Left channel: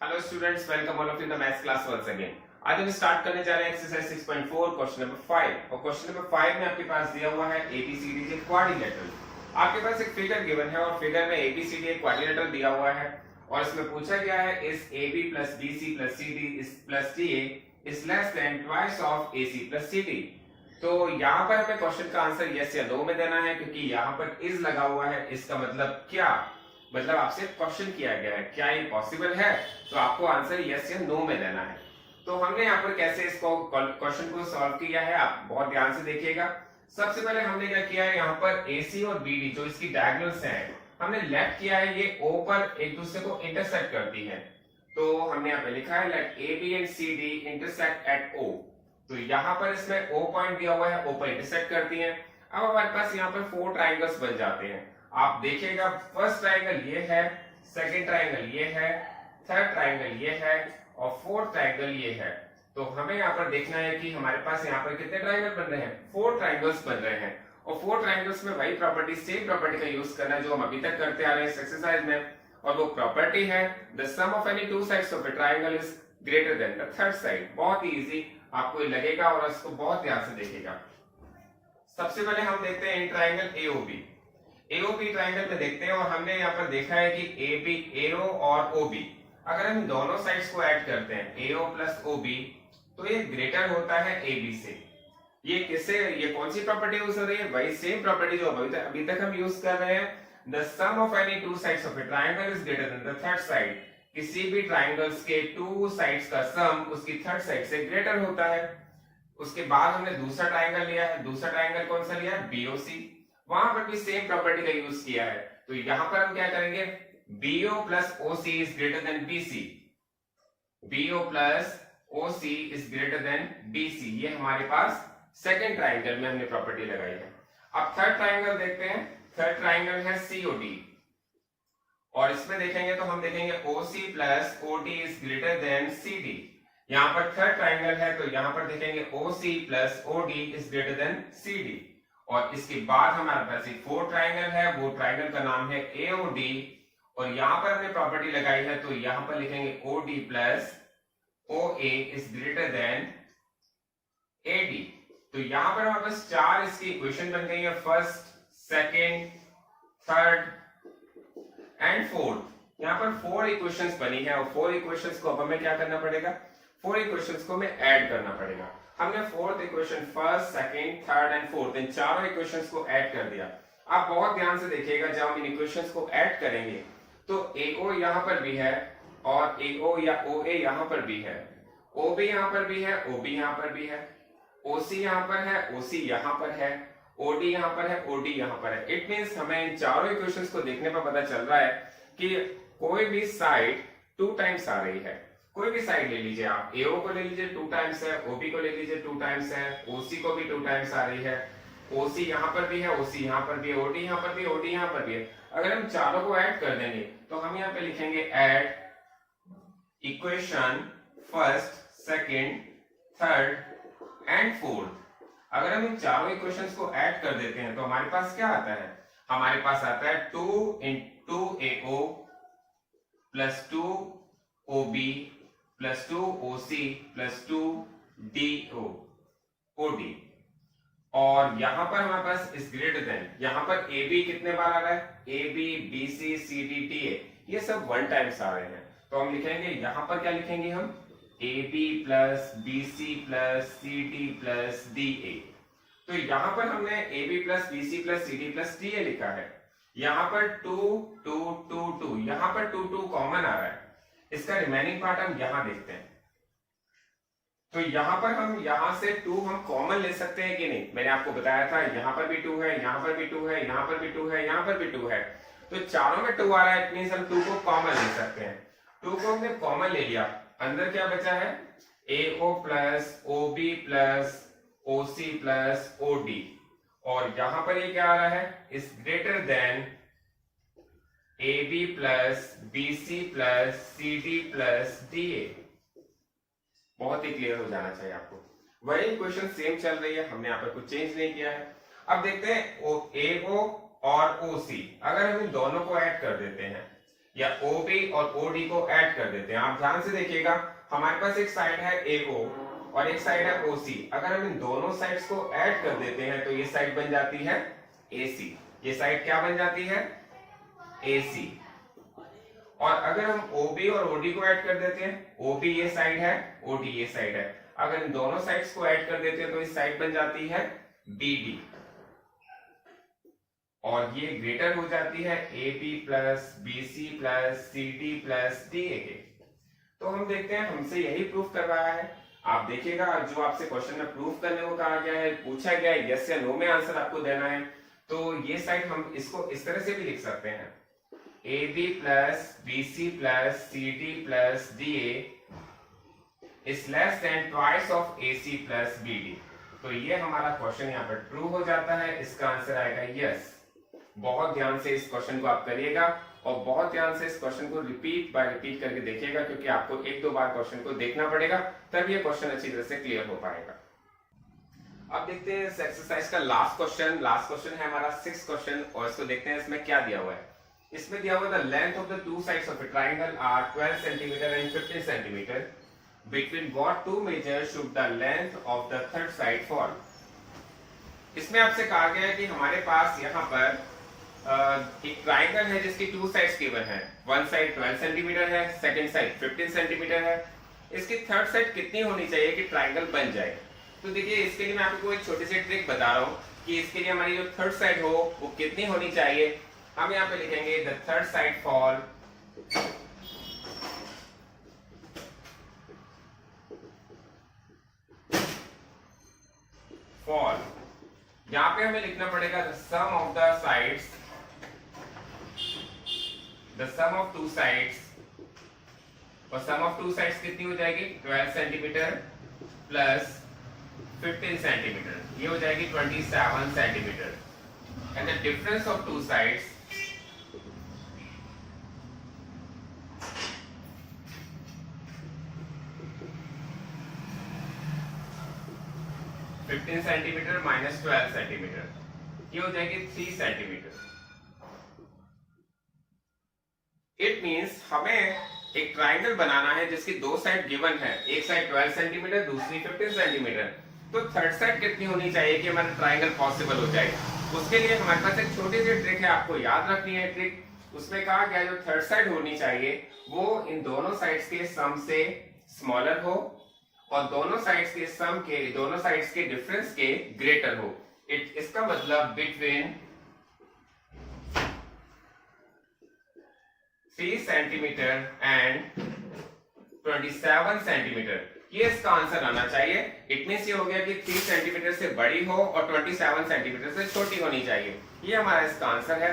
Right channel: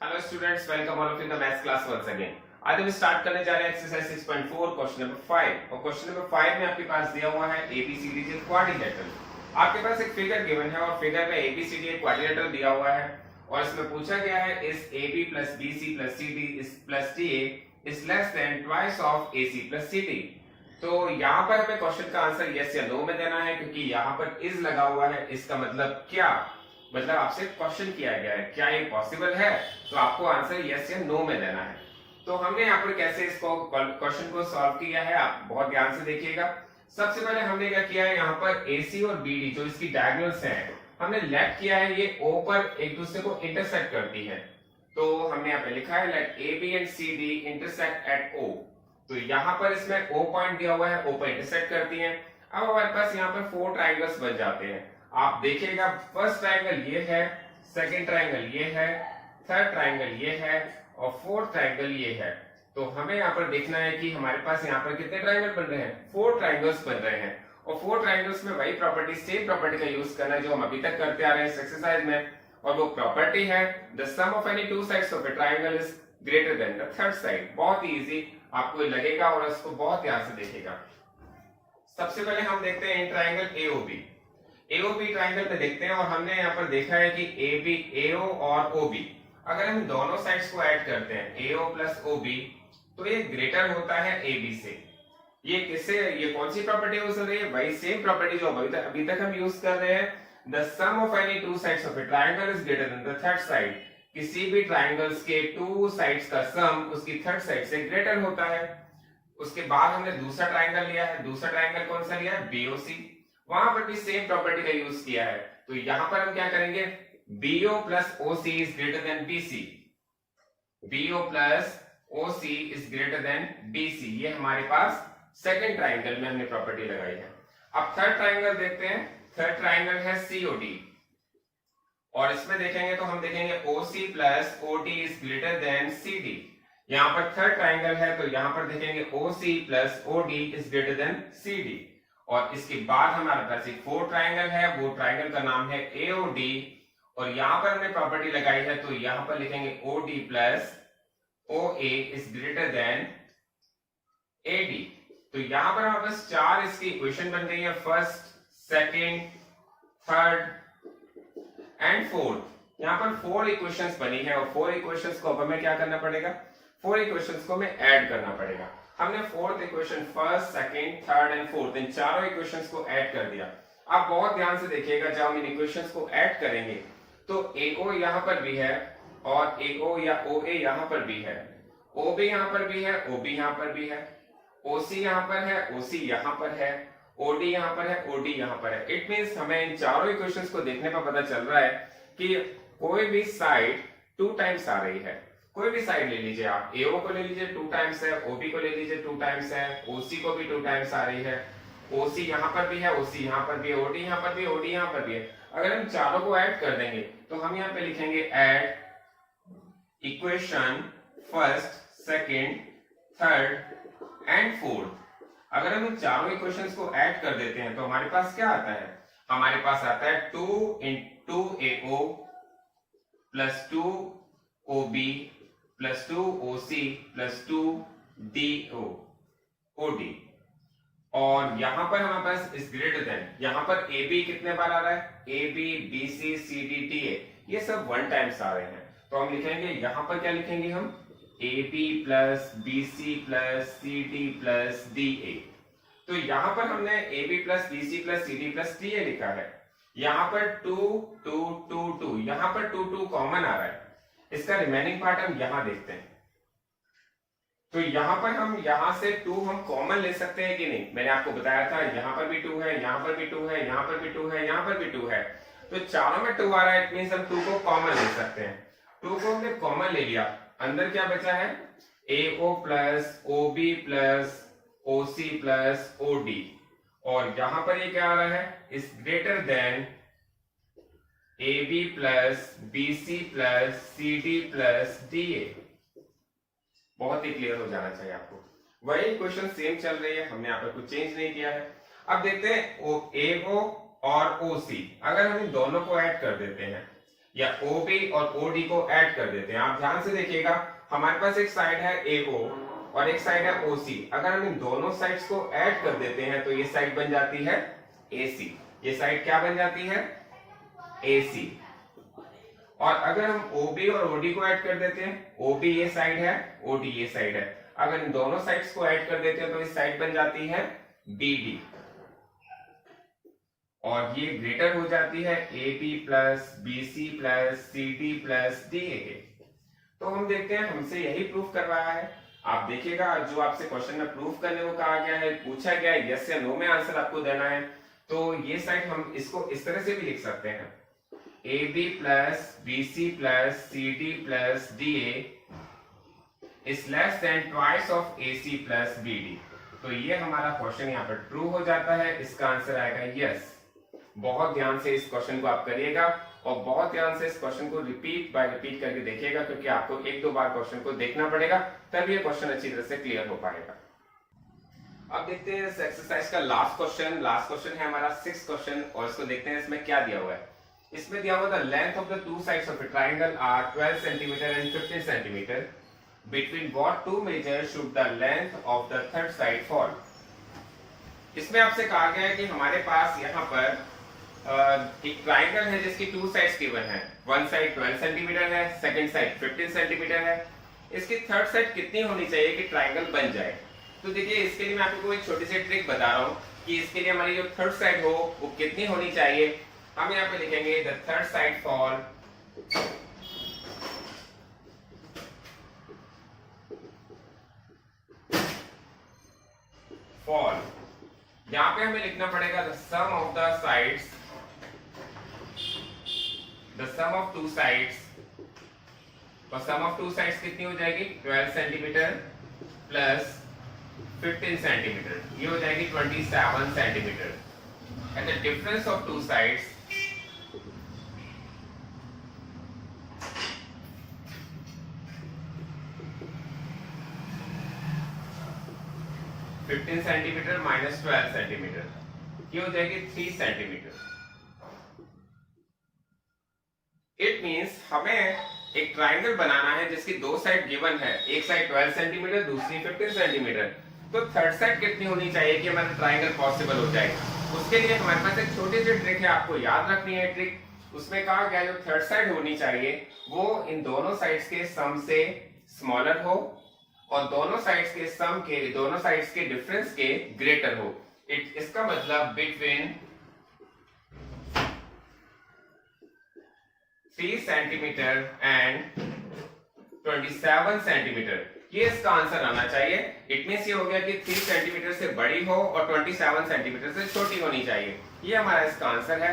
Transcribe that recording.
Hello students, welcome all of in the maths class once again. आज हम start करने जा रहे हैं एक्सरसाइज 6.4 क्वेश्चन नंबर 5 और क्वेश्चन नंबर 5 में आपके पास दिया हुआ है एबीसीडी के क्वाड्रिलेटरल। आपके पास एक फिगर गिवन है और फिगर में एबीसीडी एक क्वाड्रिलेटरल दिया हुआ है और इसमें पूछा गया है इस AB plus BC plus CD इस plus DA is less than twice of AC plus CD। तो यहाँ पर हमें क्वेश्चन का आंसर यस या नो में देना है, क्योंकि यहाँ पर इज लगा हुआ है। इसका मतलब क्या, मतलब आपसे क्वेश्चन किया गया है क्या ये पॉसिबल है, तो आपको आंसर यस या नो में देना है। तो हमने यहाँ पर कैसे इसको क्वेश्चन को सॉल्व किया है, आप बहुत ध्यान से देखिएगा। सबसे पहले हमने क्या किया है, यहाँ पर AC और BD जो इसकी डायगोनल्स हैं, हमने लेट किया है, ये O पर एक दूसरे को इंटरसेक्ट करती है। तो हमने यहाँ पे लिखा है let AB and CD intersect at O। तो यहाँ पर इसमें O पॉइंट दिया हुआ है, O पर इंटरसेक्ट करती है। अब हमारे पास यहाँ पर 4 ट्राइंगल्स बन जाते हैं। आप देखिएगा, फर्स्ट ट्राइंगल ये है, सेकंड ट्राइंगल ये है, थर्ड ट्राइंगल ये है और फोर्थ ट्राइंगल ये है। तो हमें यहाँ पर देखना है कि हमारे पास यहाँ पर कितने ट्राइंगल बन रहे हैं, 4 ट्राइंगल्स बन रहे हैं। और 4 ट्राइंगल्स में वही प्रॉपर्टी, सेम प्रॉपर्टी का यूज करना है जो हम अभी तक करते आ रहे हैं इस एक्सरसाइज में। और वो प्रॉपर्टी है the sum of any two sides of a triangle is greater than the third side. बहुत ही इजी आपको लगेगा और इसको बहुत ध्यान से देखिएगा। सबसे पहले हम देखते हैं इन ट्राइंगल AOB ट्राइंगल में देखते हैं और हमने यहाँ पर देखा है कि AB, AO और OB, अगर हम दोनों साइड्स को ऐड करते हैं AO प्लस OB तो ये ग्रेटर होता है AB से। ये किससे, ये कौन सी प्रॉपर्टी यूज हो रही है, वही सेम प्रॉपर्टी जो अभी तक हम यूज कर रहे हैं। The sum of any two sides of a triangle is greater than the third side. किसी भी ट्राइंगल्स के 2 साइड्स का सम उसकी थर्ड साइड से ग्रेटर होता है। उसके बाद हमने दूसरा ट्राइंगल लिया है, दूसरा ट्राइंगल कौन सा लिया है, BOC। वहां पर भी सेम प्रॉपर्टी का यूज किया है। तो यहां पर हम क्या करेंगे, BO plus OC is greater then BC। BO plus OC is greater then BC, ये हमारे पास सेकंड ट्राइंगल में हमने प्रॉपर्टी लगाई है। अब थर्ड ट्राइंगल देखते हैं। थर्ड ट्राइंगल है COD और इसमें देखेंगे तो हम देखेंगे OC plus OD is greater then CD। यहाँ पर थर्ड ट्राइंगल है तो यहाँ पर देखेंगे OC plus OD is greater then CD। और इसके बाद हमारे पास एक 4 ट्राइंगल है, वो ट्राइंगल का नाम है AOD और यहाँ पर हमने प्रॉपर्टी लगाई है तो यहाँ पर लिखेंगे OD plus OA is greater then AD। तो यहाँ पर हमारे पास 4 इसकी इक्वेशन बन गई है, first, second, third and fourth. यहाँ पर 4 इक्वेशंस बनी है और 4 इक्वेशंस को अब हमें क्या करना पड़ेगा, 4 इक्वेशंस को हमें ऐड करना पड़ेगा। हमने fourth equation, first, second, third and fourth, इन चारों इक्वेशंस को ऐड कर दिया। आप बहुत ध्यान से देखिएगा, जब हम इन इक्वेशंस को ऐड करेंगे तो AO यहाँ पर भी है और AO या OA यहाँ पर भी है, OB यहाँ पर भी है, OB यहाँ पर भी है, OC यहाँ पर है, OC यहाँ पर है, OD यहाँ पर है, OD यहाँ पर है। इट मींस हमें इन चारों इक्वेशंस को देखने पर पता चल रहा है कि कोई भी साइड 2 टाइम्स आ रही है। कोई भी साइड ले लीजिए, आप AO को ले लीजिए 2 टाइम्स है, OB को ले लीजिए 2 टाइम्स है, OC को भी 2 टाइम्स आ रही है, OC यहाँ पर भी है, OC यहाँ पर भी है, OD यहाँ पर भी, OD यहाँ पर भी है। अगर हम चारों को ऐड कर देंगे तो हम यहाँ पे लिखेंगे add equation first, second, third and fourth. अगर हम इन चारों इक्वेशंस को ऐड कर देते हैं तो हमारे पास क्या आता है, हमारे पास आता है 2 into AO plus 2 OB plus 2 OC plus 2 DO OD। और यहां पर हमारे पास इस ग्रेटर देन, यहां पर AB कितने बार आ रहा है, AB, BC, CD, DA, ये सब 1 टाइम्स आ रहे हैं। तो हम लिखेंगे यहां पर क्या लिखेंगे हम, AB plus BC plus CD plus DA। तो यहां पर हमने AB plus BC plus CD plus DA लिखा है। यहां पर 2 2 2 2, यहां पर 2 2 कॉमन आ रहा है। इसका रिमेनिंग पार्ट हम यहां देखते हैं। तो यहां पर हम यहां से 2 हम कॉमन ले सकते हैं कि नहीं, मैंने आपको बताया था यहां पर भी 2 है, यहां पर भी 2 है, यहां पर भी 2 है, यहां पर भी 2 है। तो चारों में 2 आ रहा है, इट मींस हम 2 को कॉमन ले सकते हैं। 2 को हमने कॉमन ले लिया, अंदर क्या बचा है, AO plus OB plus OC plus OD। और यहां पर ये क्या आ रहा है, is greater then AB plus BC plus CD plus DA। बहुत ही क्लियर हो जाना चाहिए आपको। वही इक्वेशन सेम चल रही है, हमने यहाँ पर कुछ चेंज नहीं किया है। अब देखते हैं AO और OC, अगर हम इन दोनों को ऐड कर देते हैं, या OB और OD को ऐड कर देते हैं। आप ध्यान से देखिएगा, हमारे पास एक साइड है AO और एक साइड है OC। अगर हम इन दोनों साइड्स को ऐड कर देते हैं तो ये साइड बन जाती है AC। ये साइड क्या बन जाती है? AC। और अगर हम OB और OD को ऐड कर देते हैं, OB ये साइड है, OD ये साइड है, अगर इन दोनों साइड्स को ऐड कर देते हैं तो इस साइड बन जाती है BD और ये ग्रेटर हो जाती है AB plus BC plus CD plus DA के। तो हम देखते हैं हमसे यही प्रूफ करवाया है। आप देखिएगा जो आपसे क्वेश्चन में प्रूफ करने को कहा गया है, पूछा गया है, यस या नो में आंसर आपको देना है। तो ये साइड हम इसको इस तरह से भी लिख सकते हैं, AB plus BC plus CD plus DA is less than twice of AC plus BD। तो ये हमारा क्वेश्चन यहाँ पर ट्रू हो जाता है। इसका आंसर आएगा यस। बहुत ध्यान से इस क्वेश्चन को आप करिएगा और बहुत ध्यान से इस क्वेश्चन को रिपीट बाय रिपीट करके देखिएगा, क्योंकि आपको एक दो बार क्वेश्चन को देखना पड़ेगा, तब ये क्वेश्चन अच्छी तरह से क्लियर हो पाएगा। अब देखते हैं इस एक्सरसाइज का लास्ट क्वेश्चन। लास्ट क्वेश्चन है हमारा 6th क्वेश्चन और इसको देखते हैं इसमें क्या दिया हुआ है। इसमें दिया हुआ the length of the two sides of a triangle are 12 centimetre and 15 centimetre. Between what two measures should the length of the third side fall. इसमें आपसे कहा गया है कि हमारे पास यहाँ पर एक ट्राइंगल है जिसकी टू साइड्स गिवन है। वन साइड 12 सेंटीमीटर है, सेकंड साइड 15 सेंटीमीटर है। इसकी थर्ड साइड कितनी होनी चाहिए कि ट्राइंगल बन जाए? तो देखिए इसके लिए मैं आपको एक छोटी सी ट्रिक बता रहा हूँ कि इसके लिए हमारी जो थर्ड साइड हो वो कितनी होनी चाहिए। हम यहाँ पे लिखेंगे द थर्ड साइड फॉल यहाँ पे हमें लिखना पड़ेगा the sum of the sides, the sum of two sides, और सम ऑफ टू साइड्स कितनी हो जाएगी? 12 सेंटीमीटर प्लस 15 सेंटीमीटर, ये हो जाएगी 27 centimetre. And the difference of two sides (15 centimetre minus 12 centimetre), ये हो जाएगी 3 सेंटीमीटर। इट मींस हमें एक ट्राइंगल बनाना है जिसकी दो साइड गिवन है, एक साइड 12 सेंटीमीटर, दूसरी 15 सेंटीमीटर। तो थर्ड साइड कितनी होनी चाहिए कि हमारा ट्राइंगल पॉसिबल हो जाए? उसके लिए हमारे पास एक छोटी सी ट्रिक है, आपको याद रखनी है ट्रिक। उसमें कहा गया जो थर्ड साइड होनी चाहिए वो इन दोनों साइड्स के सम से स्मॉलर हो और दोनों साइड्स के सम के, दोनों साइड्स के डिफरेंस के ग्रेटर हो। इसका मतलब बिटवीन 3 सेंटीमीटर एंड 27 सेंटीमीटर, ये इसका आंसर आना चाहिए। इट मींस ये हो गया कि 3 सेंटीमीटर से बड़ी हो और 27 सेंटीमीटर से छोटी होनी चाहिए। ये हमारा इसका आंसर है।